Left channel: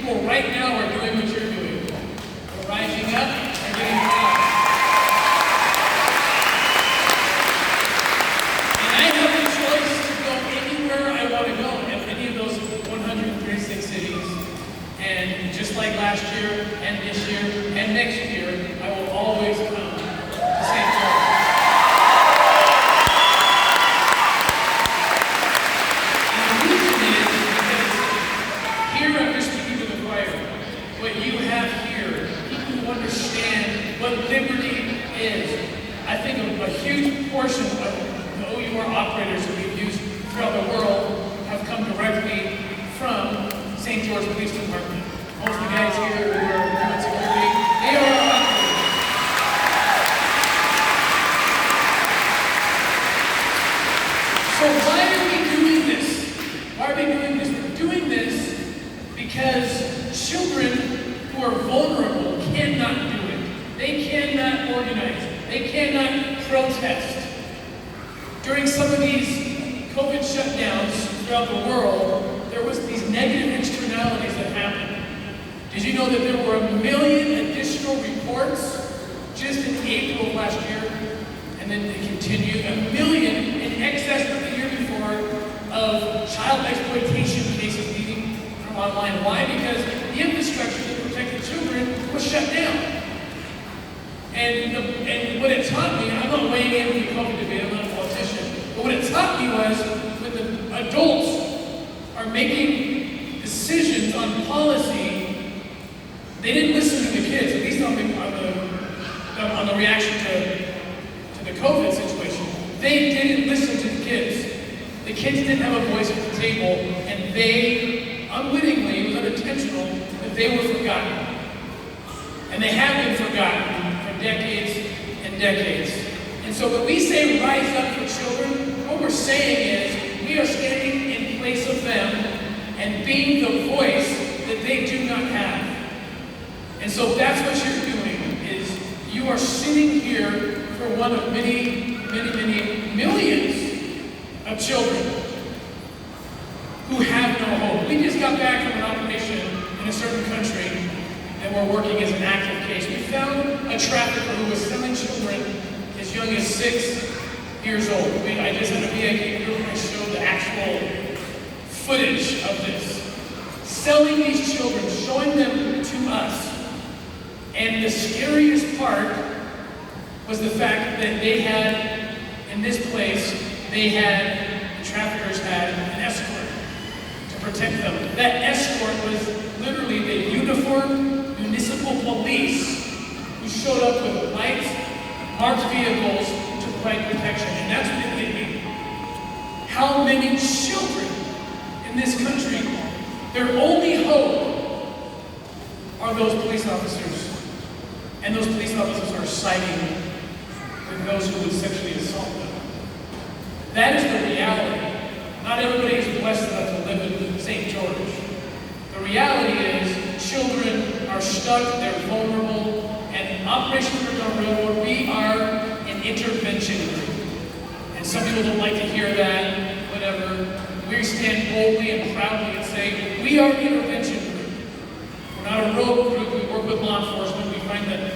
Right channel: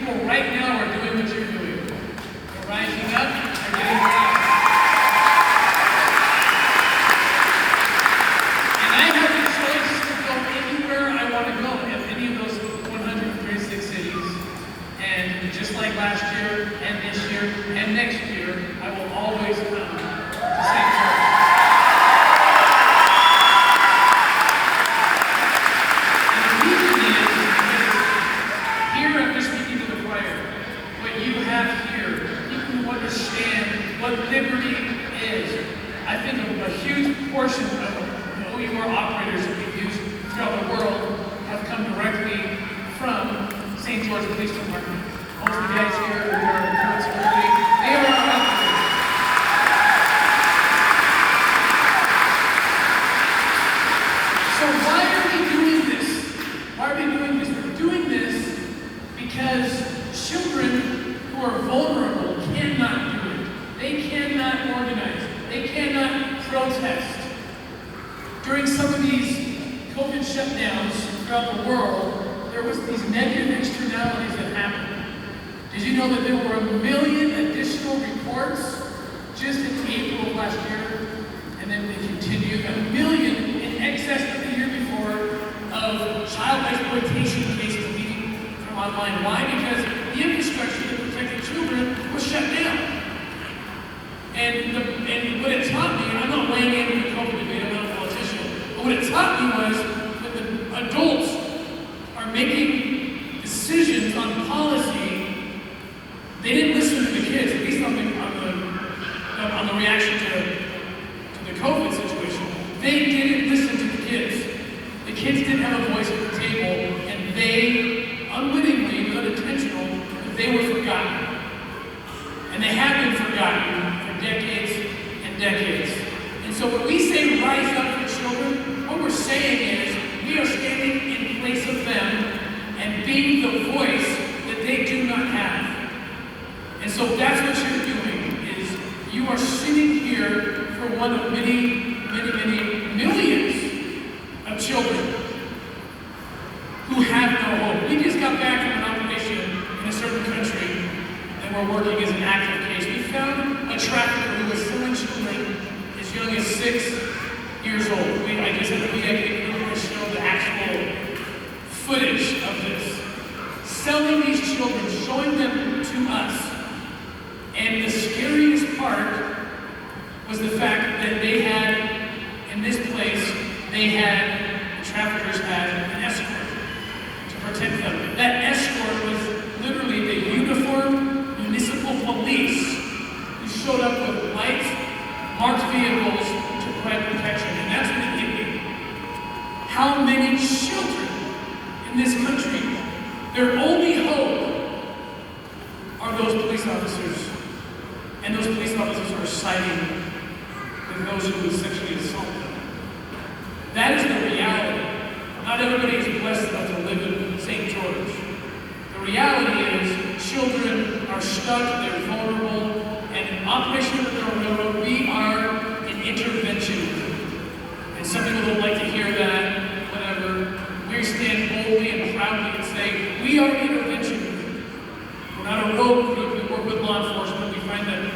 people right now are doing what you're doing. They're rising up and getting proud. And I have the choice to go anywhere I want to go, in any of those 136 cities. And just like last year, and this year, and next year, I will always come to St. George. What liberty is. I think a huge portion of the OUR operators that we've used throughout the world have come directly from St. George Police Department. Most of the guys here who are doing security, they are our operators. So why are we doing this? Why are we doing this? We're doing this because children who are vulnerable cannot do it. They cannot organize. They cannot protest. During some of these COVID shutdowns throughout the world, there was these negative externalities that happened. Did you know that there were 1 million additional reports just in April of last year? And then they continued, 1 million in excess of the year before of child exploitation cases leading from online. Why? Because the infrastructure that protected children was shut down. And what it taught me, I'm not weighing in the COVID debate, I'm not a politician, but what it taught me was that the adults are making decisions on policy. They didn't listen to the kids, at least on the reaction to the COVID situation. They didn't listen to the kids. The kids didn't have a voice at the table, and they, unwittingly, it was unintentional, that they were forgotten. And they have been forgotten for decades and decades. And so when we say rise up for children, what we're saying is we are standing in place of them and being the voice that they do not have. And so that's what you're doing, is you are sitting here for one of many, many, many millions of children who have no hope. We just got back from an operation in a certain country, and we're working as an active case. We found a trafficker who was selling children as young as 6 years old. I just had a VIP group to show the actual footage of this. Selling these children, showing them to us. And the scariest part was the fact that they had, in this place, the traffickers had an escort to protect them. That escort was literally a uniformed municipal police who showed up with lights, marked vehicles to provide protection. And that's what it did. How many children in this country, their only hope are those police officers. And those police officers are siding with those who would sexually assault them. That is the reality. Not everybody is blessed enough to live in St. George. The reality is children are stuck, they're vulnerable, and in Operation Underground Railroad, we are an intervention group. And some people don't like to hear that, whatever. We stand boldly and proudly and say, we are an intervention group. We're not a rogue group, we work with law enforcement, we find that